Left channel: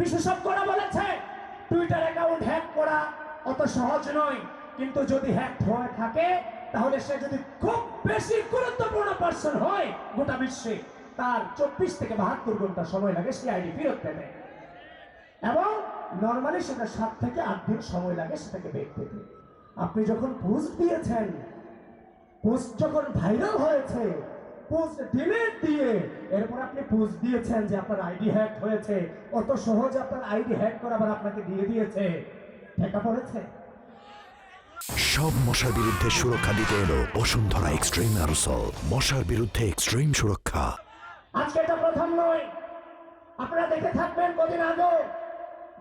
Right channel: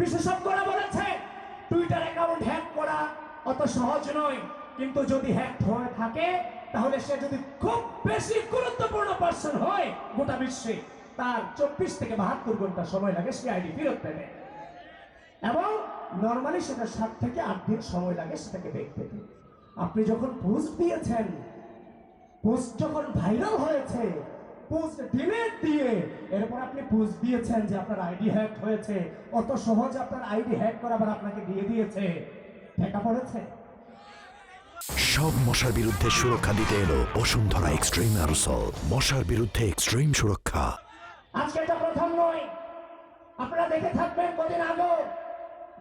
বিশেষজ্ঞরা বলেছে Twitter account hack করা অত সহজ নয়, কিন্তু যদি হ্যাক হয়ে থাকে তাহলে সে যদি খুব বেশি গুরুত্বপূর্ণ পার্সন হয় গোটা বিশ্বে, তার 24 থেকে 72 ঘন্টা সময় লাগে সে আইডি ফেরত পেতে, এবং নর্মালি সেটা 7 থেকে 8 দিন সময় লাগে সেটাকে ব্যাক পেতে। আপনি যখন পোস্ট দিয়েছেন, পোস্ট যখন ভাইরাল হয়েছে, পোস্ট ডিলিট দিয়ে এরপর আপনি পোস্ট দিয়েছেন যে আপনার আইডি হ্যাক হয়েছে, অত সহজে আপনার আইডি হ্যাক করা আবার আপনাকে দিয়ে দিয়েছে, ঠেকা পড়েছে। সব মশার বিরুদ্ধে সুরক্ষা দিতে এলো বসুন্ধরা এক্সট্রিম অ্যারোসল, মশার বিরুদ্ধে এক্সট্রিম সুরক্ষা। আজকে এটা প্রথম নয়, আপনারা দেখে থাকবেন কদিন আগে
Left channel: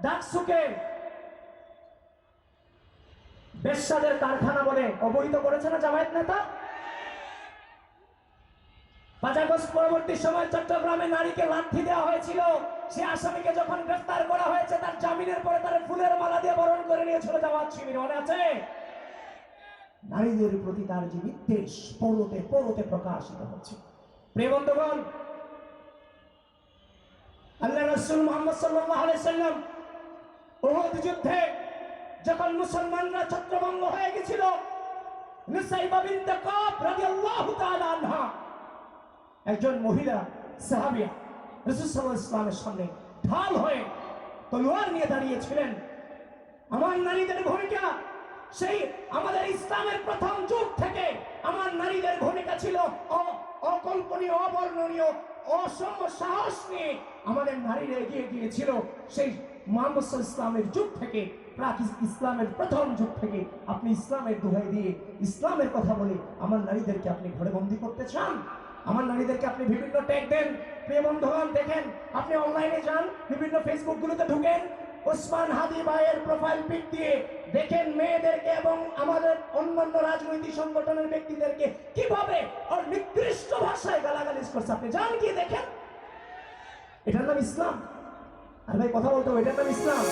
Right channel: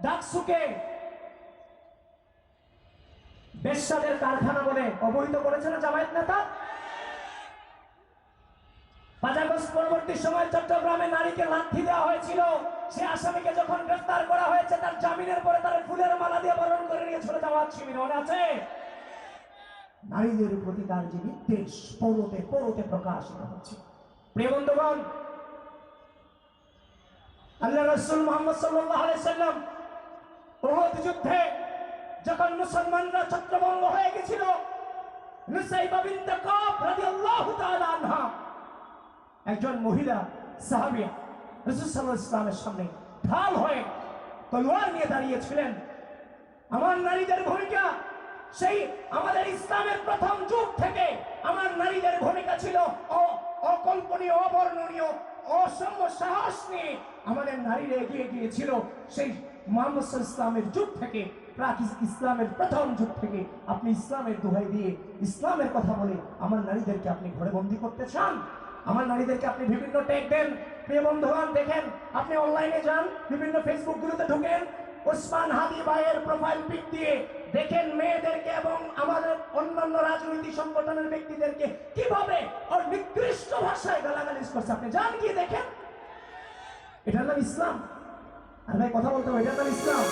ডাকসুকে বেশ্যাদের কারখানা বলে অবহিত করেছে না জামায়াত নেতা। 5 আগস্ট পরবর্তী সময় চট্টগ্রামে নারীকে লাথি দেওয়া হয়েছিল, সে আসামিকে যখন গ্রেফতার করা হয়েছে তার জামিনের পরে তার ফুলের মালা দিয়ে বরণ করে নিয়েছিল জামায়াত শিবির, মনে আছে? নারীদের প্রতি তার যে বিদ্বেষ পরতে পরতে প্রকাশিত হচ্ছে। প্রিয় বন্ধুগণ, আল্লাহ রাসূল মুহাম্মদ সাল্লাল্লাহু আলাইহি সাল্লাম উহুদ যুদ্ধে যখন মুসলমানরা ছত্রভঙ্গ হয়ে গেছিল, নুসাইবা বিনতে কাব রাদিয়াল্লাহু তাআলা আনহা একজন মহিলা সাহাবিয়া রাসূল সাল্লাল্লাহু আলাইহি ওয়াসাল্লামের সামনে ঢাল হয়ে তলোয়ার নিয়ে দাঁড়িয়েছিলেন। আমার নারীদের ভূমিকা সেই আমাদের ইসলামের প্রথম যুগ থেকে আমার নারীদের ভূমিকা ছিল অকল্পনীয়, অবর্ণনীয়, অসম্ভব সাহস নিয়ে আমাদের নারীরা এগিয়ে গিয়েছিল। সেই মুহাম্মদ সাল্লাল্লাহু আলাইহি ওয়াসাল্লামের যুগ থেকে, প্রাক ইসলামের প্রথম যুগ থেকে আপনি ইসলামের দোহাই দিয়ে ইসলামের কথা বলে আমার নারীদেরকে আপনি ঘরে বন্দি করতে চান? আমার নারীদেরকে আপনি বিভিন্ন ট্যাগ দেন। প্রিয় বন্ধুগণ, দেখেন, আপনি অনলাইনে যান, বিভিন্ন ফেসবুক গুলোতে ঢুকেন, ওসমান হাদি ভাইয়ের প্রোফাইল পিক দিয়ে দেখেন মেয়েদেরকে এবং আমাদের অন্যান্য রাজনৈতিক সংগঠনের ব্যক্তিদেরকে কিভাবে আর নিকৃষ্ট ভাষায় গালাগালিজ করছে। আপনি যান, কি দেখেন, এটার নাম ইসলাম? আর ভাই কথা বলতে হবে, এটার নাম ইসলাম?